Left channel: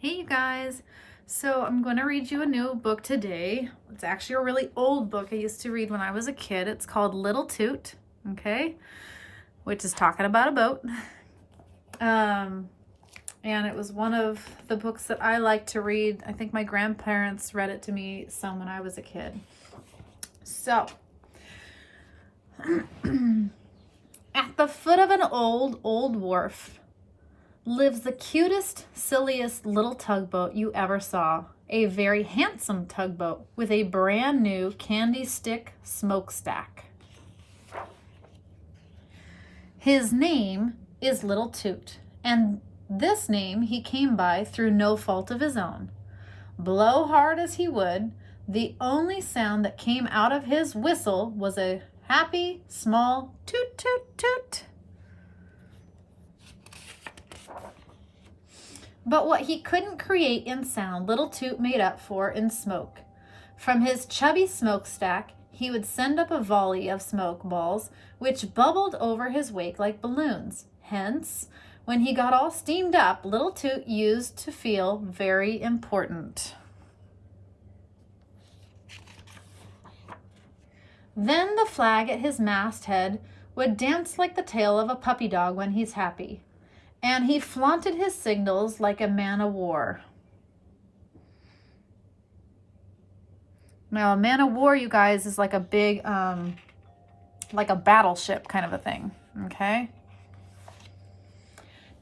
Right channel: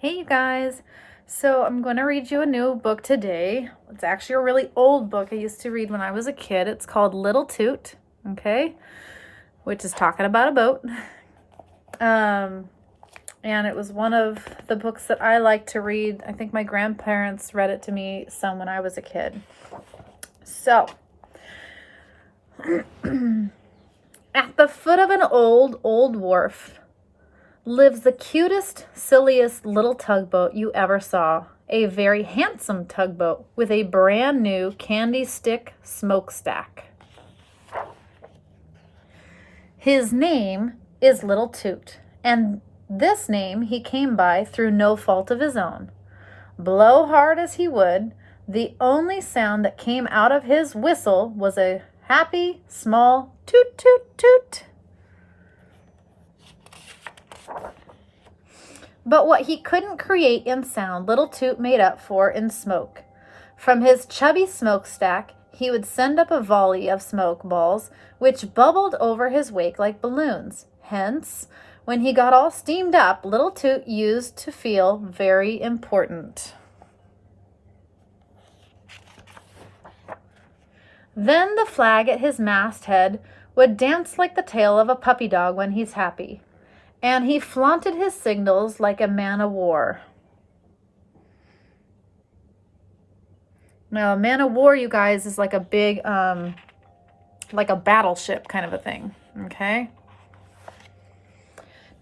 Hey you guys, so I'm going to read you a new book today. It's actually a really old book I used to read when I was a kid. It's called Little Toot, okay, which is talking about a boat. And it was one of the books that I like to read. I think my grandparents read it to me some when I was a kid. So, at the foot of an old wharf lives the cutest, silliest little tugboat you ever saw. A very handsome tugboat with a brand new candy stick smokestack. His name is Little Toot, and this name he came by through no fault of his own. Blow hard as he would, the only sound that came out of his whistle was a happy, small toot, toot, toot. But what he couldn't create in sound, Little Toot made up for in smoke. From his chubby smokestack, he would send up a volley of smoke balls, which bubbled over his wake like balloons. Hence, when he got all steamed up, Little Toot used to feel very important. Then the flag at his masthead would dance like the tail of a puppy dog when he's happy. And he flaunted his signals like a man of war. Now, a man of war, you guys, is like a big, like a battleship kind of a thing, okay?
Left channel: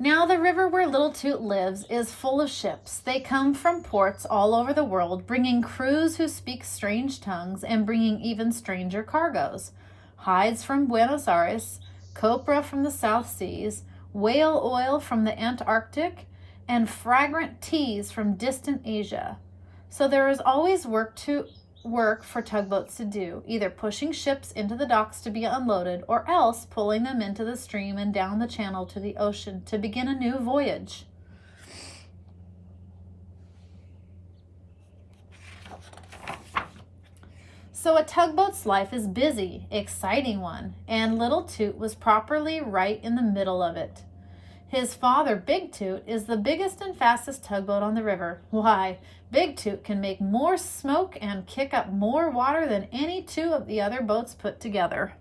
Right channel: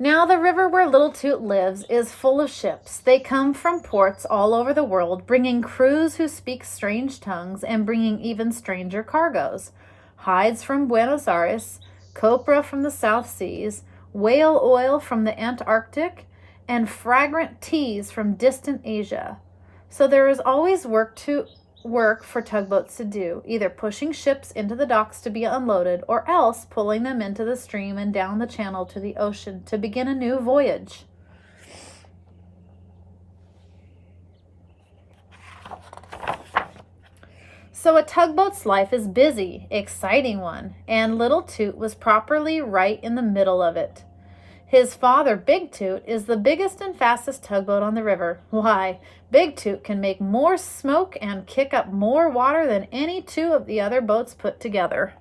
Now, the river where Little Toot lives is full of ships. They come from ports all over the world, bringing crews who speak strange tongues and bringing even stranger cargoes. Hides from Buenos Aires, copra from the South Seas, whale oil from the Antarctic, and fragrant teas from distant Asia. So there is always work for tugboats to do, either pushing ships into the docks to be unloaded or else pulling them into the stream and down the channel to the ocean to begin a new voyage. So a tugboat's life is busy, exciting one, and Little Toot was properly right in the middle of it. His father, Big Toot, is the biggest and fastest tugboat on the river. Why, Big Toot can make more smoke and kick up more water than any two of the other boats put together.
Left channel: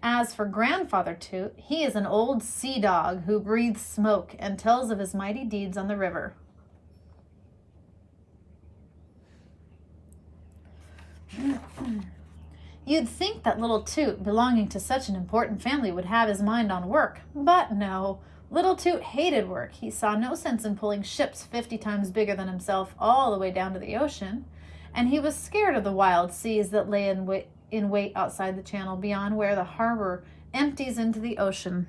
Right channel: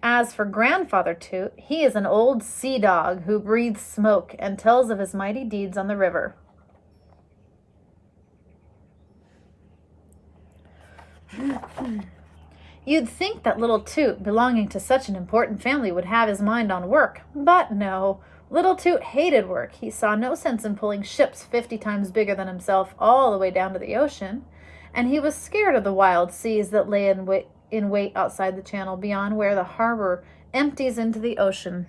As for Grandfather Toot, he is an old sea dog who breathes smoke and tells of his mighty deeds on the river. You'd think that Little Toot, belonging to such an important family, would have his mind on work. But no, Little Toot hated work. He saw no sense in pulling ships 50 times bigger than himself all the way down to the ocean. And he was scared of the wild seas that lay in wait outside the channel beyond where the harbor empties into the ocean.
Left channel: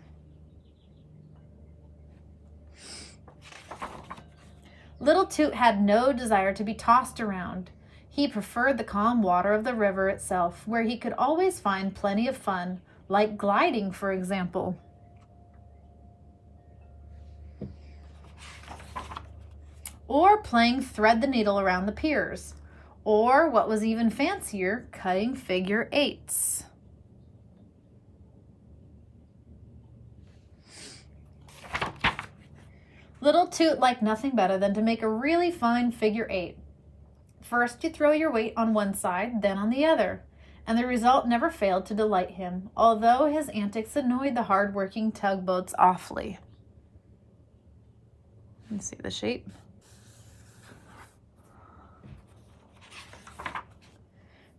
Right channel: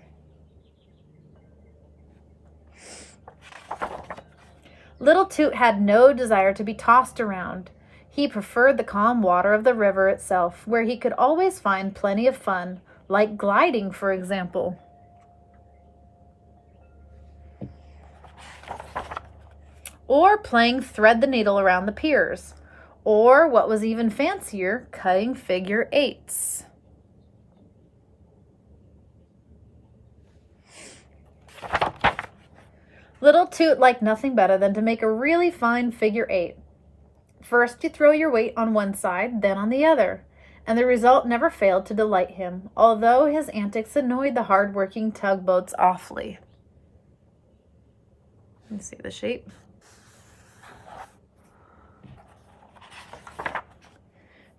Little Toot had no desire to be tossed around. He preferred the calm water of the river itself, where he could always find plenty of fun, like gliding, for example. Or playing thread the needle around the piers. Or, what was even fancier, cutting figure eights. Little Toot liked nothing better than to make a really fine figure eight. First, you throw your weight on one side, then on the other, and the result never failed to delight him, although his antics annoyed the hard-working tugboats awfully. You see the shape?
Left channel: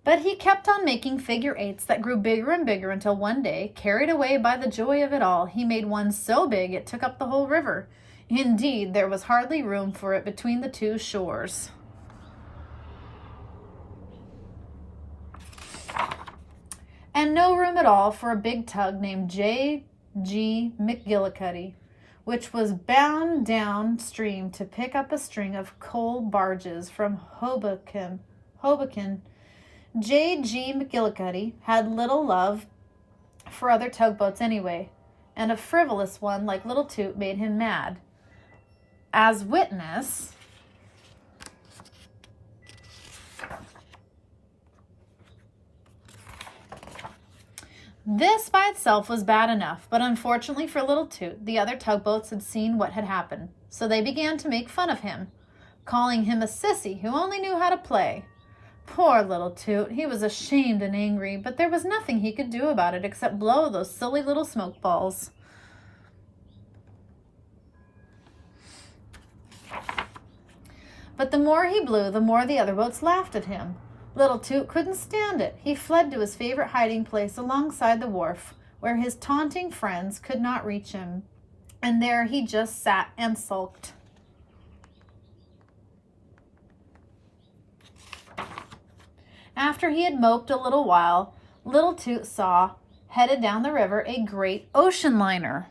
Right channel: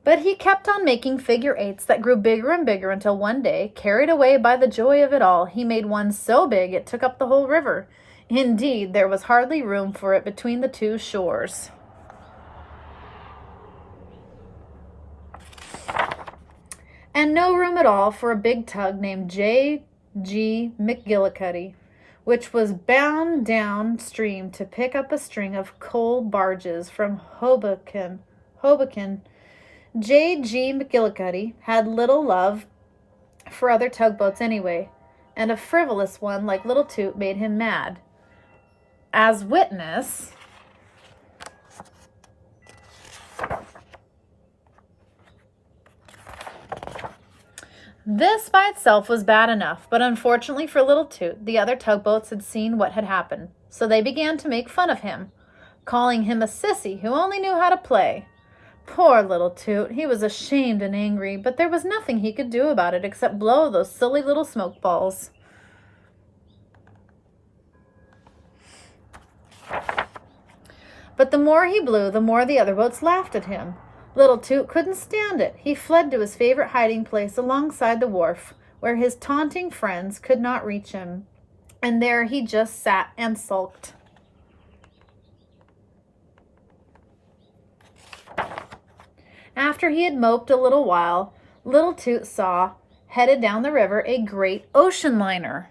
But he kept on making figure eights that grew bigger and bigger until one day, carried away by the joy of it all, he made one so big it took up the whole river. Indeed, there was hardly room for it between the two shores. And no room at all for a big tug named J.G. McGillicuddy, which was bound downstream to pick up a string of coal barges from Hoboken. J.G. McGillicuddy had little love for other tugboats anyway, and a frivolous one like Little Toot made him mad. As witness, This by itself was bad enough, but unfortunately for little Toot, the other tugboats had seen what had happened, so they began to make fun of him, calling him a sissy who only knew how to play. Poor little Toot, he was ashamed and angry, but there was nothing he could do about it except blow those silly little smoke balls. But the more he blew, the more the other boats laughed at him. Little Toot couldn't stand it. He fled to his favorite hiding place alongside the wharf, where his taunting friends could not reach him. And there he just sat and sulked. After he had moped a little while, little Toot saw, headed down the river, a great ocean liner.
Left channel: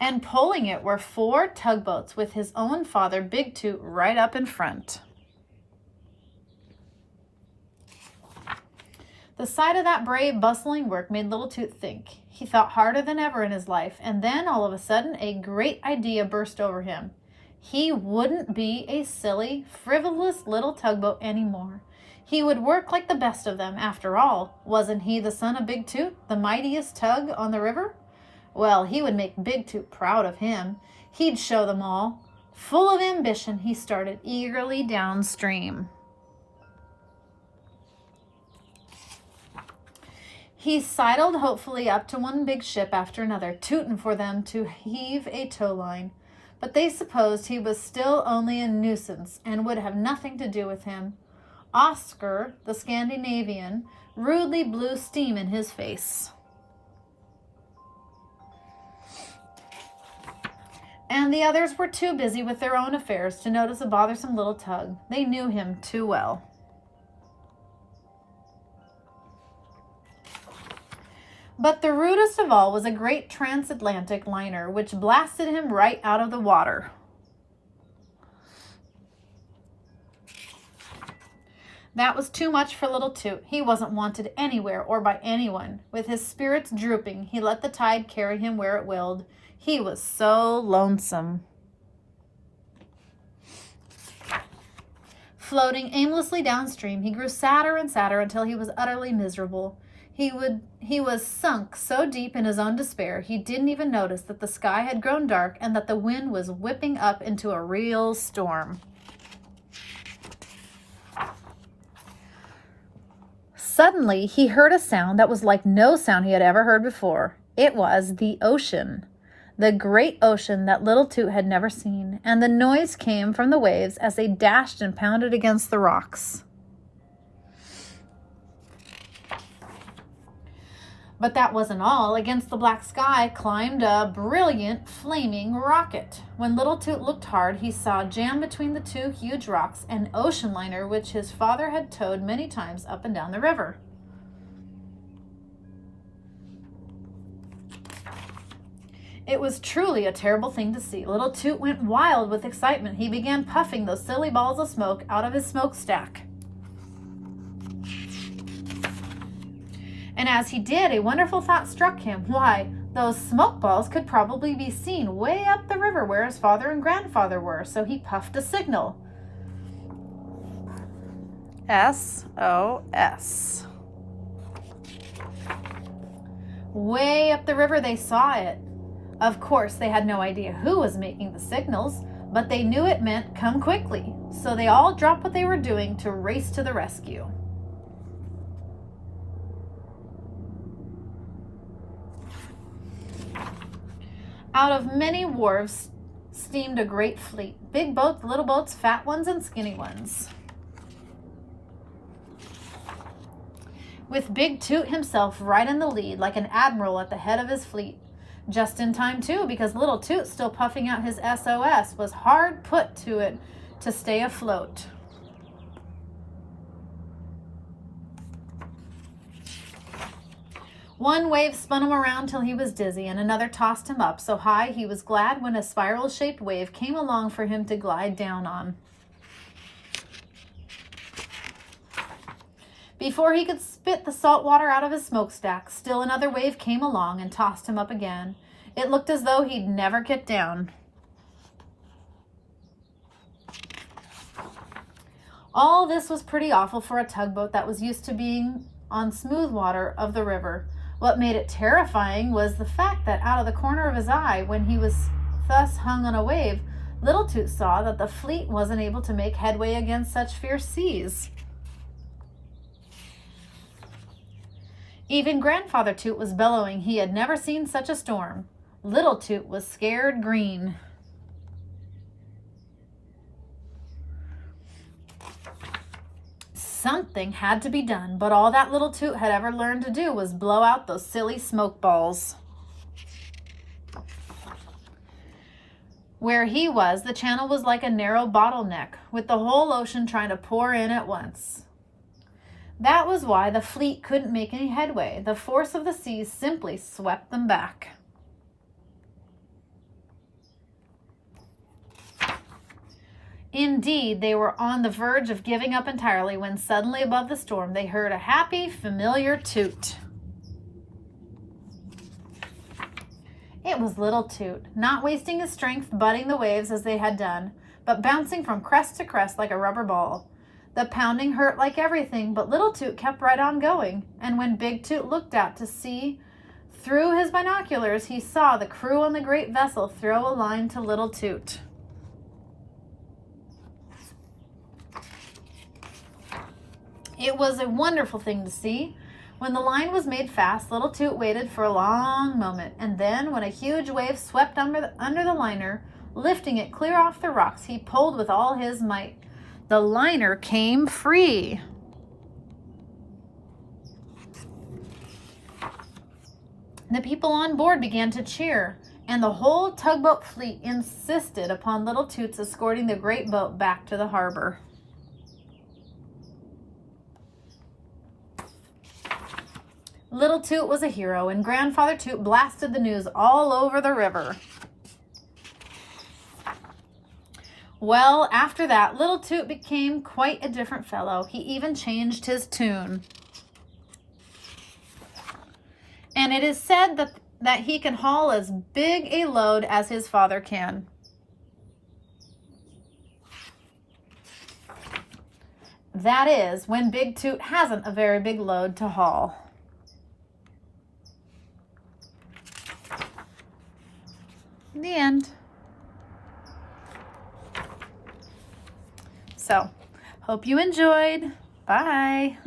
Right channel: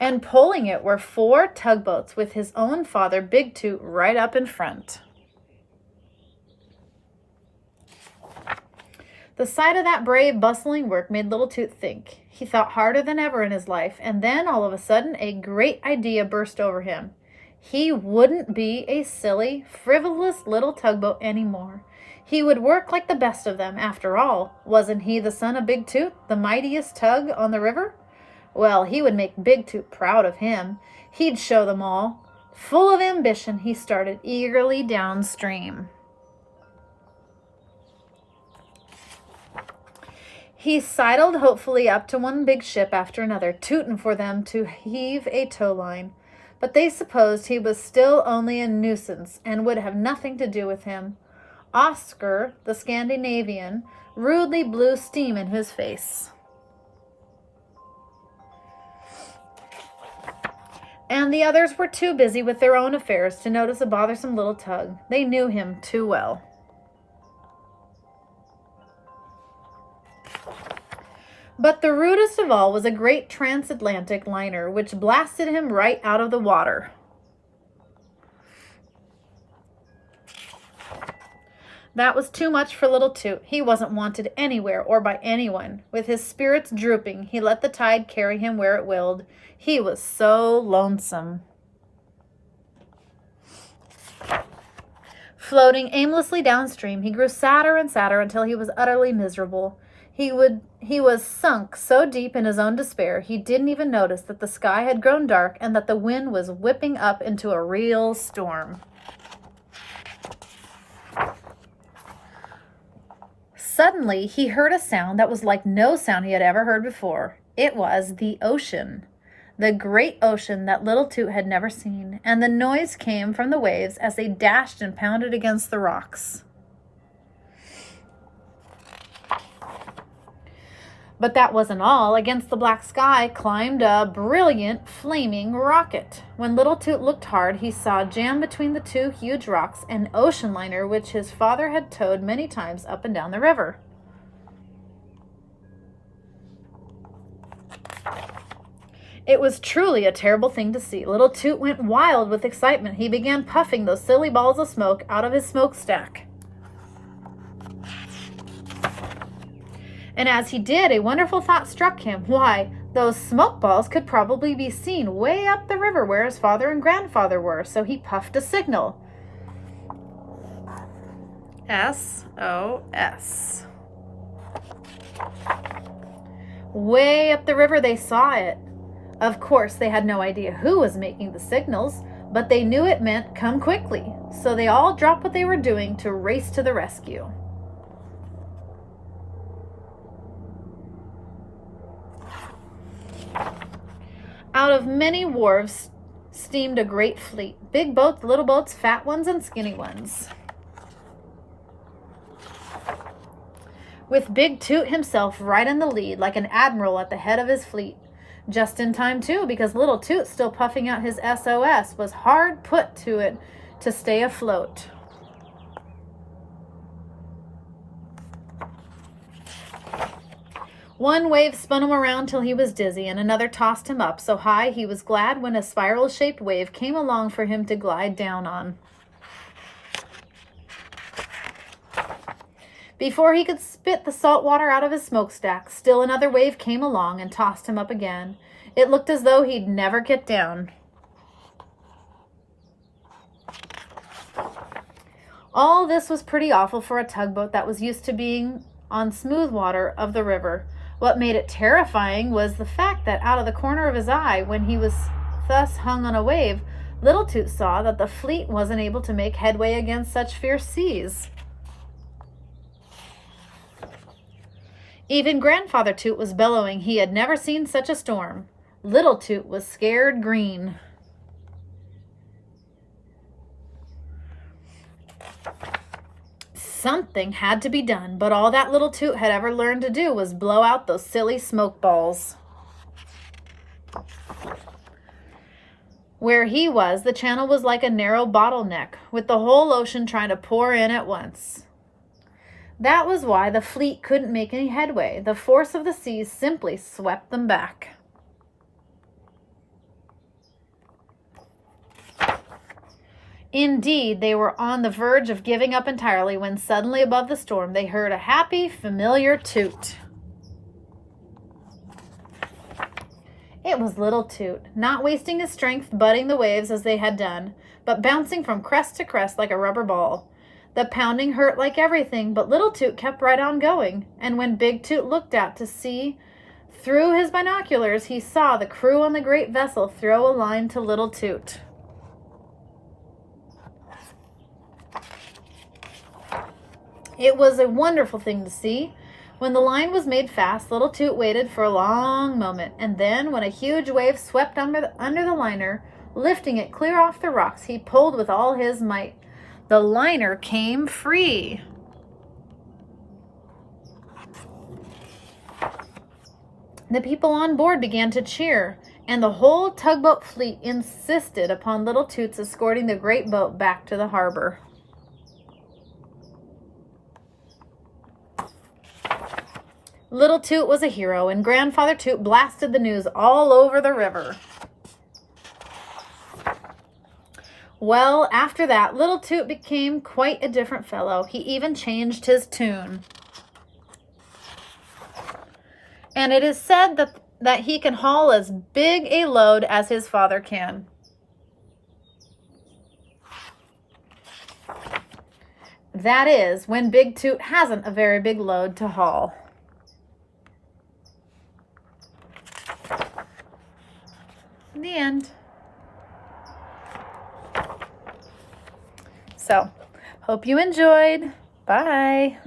And pulling it were 4 tugboats with his own father, Big Toot, right up in front. The sight of that brave, bustling work made little Toot think. He thought harder than ever in his life, and then all of a sudden a great idea burst over him. He wouldn't be a silly, frivolous little tugboat anymore. He would work like the best of them. After all, wasn't he the son of Big Toot, the mightiest tug on the river? Well, he would make Big Toot proud of him. He'd show them all. Full of ambition, he started eagerly downstream. He sidled hopefully up to one big ship after another, tooting for them to heave a tow line. But they supposed he was still only a nuisance and would have nothing to do with him. Oscar, the Scandinavian, rudely blew steam in his face. And the others were too busy with their own affairs to notice a bothersome little tug. They knew him too well. But the rudest of all was a great transatlantic liner, which blasted him right out of the water. That was too much for little Toot. He wasn't wanted anywhere or by anyone. With his spirits drooping, he let the tide carry him where it willed. He was so lonesome. Floating aimlessly downstream, he grew sadder and sadder until he was utterly miserable. He was sunk so deep in his own despair, he didn't even notice that the sky had grown dark and that the wind was whipping up into a real storm. Suddenly, he heard a sound that was like no sound he had ever heard before. It was the ocean, the great ocean that little Toot had never seen, and the noise came from the waves as they dashed and pounded against the rocks. But that wasn't all. Against the black sky climbed a brilliant, flaming rocket. When little Toot looked hard, he saw jammed between the 2 huge rocks an ocean liner which his father had towed many times up and down the river. It was truly a terrible thing to see. Little Toot went wild with excitement. He began puffing those silly balls of smoke out of his smokestack. And as he did, a wonderful thought struck him. Why, those smoke balls could probably be seen way up the river where his father and grandfather were. So he puffed a signal. SOS. Way up the river they saw it. Of course, they had no idea who was making the signals, but they knew it meant come quickly. So they all dropped what they were doing to race to the rescue. Out of many wharves steamed a great fleet. Big boats, little boats, fat ones, and skinny ones. With Big Toot himself right in the lead, like an admiral at the head of his fleet. Just in time, too, because little Toot, still puffing out his SOS, was hard put to it to stay afloat. One wave spun him around till he was dizzy, and another tossed him up so high he was glad when a spiral-shaped wave came along for him to glide down on. Before he could spit the salt water out of his smokestack, still another wave came along and tossed him up again. It looked as though he'd never get down. All this was pretty awful for a tugboat that was used to being on smooth water of the river. What made it terrifying was the fact that out of the corner of his eye, when he was thus hung on a wave, Little Toot saw that the fleet wasn't able to make headway against such fierce seas. Even Grandfather Toot was bellowing he had never seen such a storm. Little Toot was scared green. Something had to be done, but all that Little Toot had ever learned to do was blow out those silly smoke balls. Where he was, the channel was like a narrow bottleneck, with the whole ocean trying to pour in at once. That was why the fleet couldn't make any headway. The force of the seas simply swept them back. Indeed, they were on the verge of giving up entirely when suddenly above the storm they heard a happy, familiar toot. It was Little Toot, not wasting his strength butting the waves as they had done, but bouncing from crest to crest like a rubber ball. The pounding hurt like everything, but Little Toot kept right on going, and when Big Toot looked out to sea through his binoculars, he saw the crew on the great vessel throw a line to Little Toot. It was a wonderful thing to see. When the line was made fast, Little Toot waited for a long moment, and then, when a huge wave swept under the liner, lifting it clear off the rocks, he pulled with all his might. The liner came free. The people on board began to cheer, and the whole tugboat fleet insisted upon Little Toot's escorting the great boat back to the harbor. Little Toot was a hero, and Grandfather Toot blasted the news all over the river. Well, after that, Little Toot became quite a different fellow. He even changed his tune. And it is said that he can haul as big a load as his father can. That is, when Big Toot hasn't a very big load to haul. The end. So, hope you enjoyed. Bye.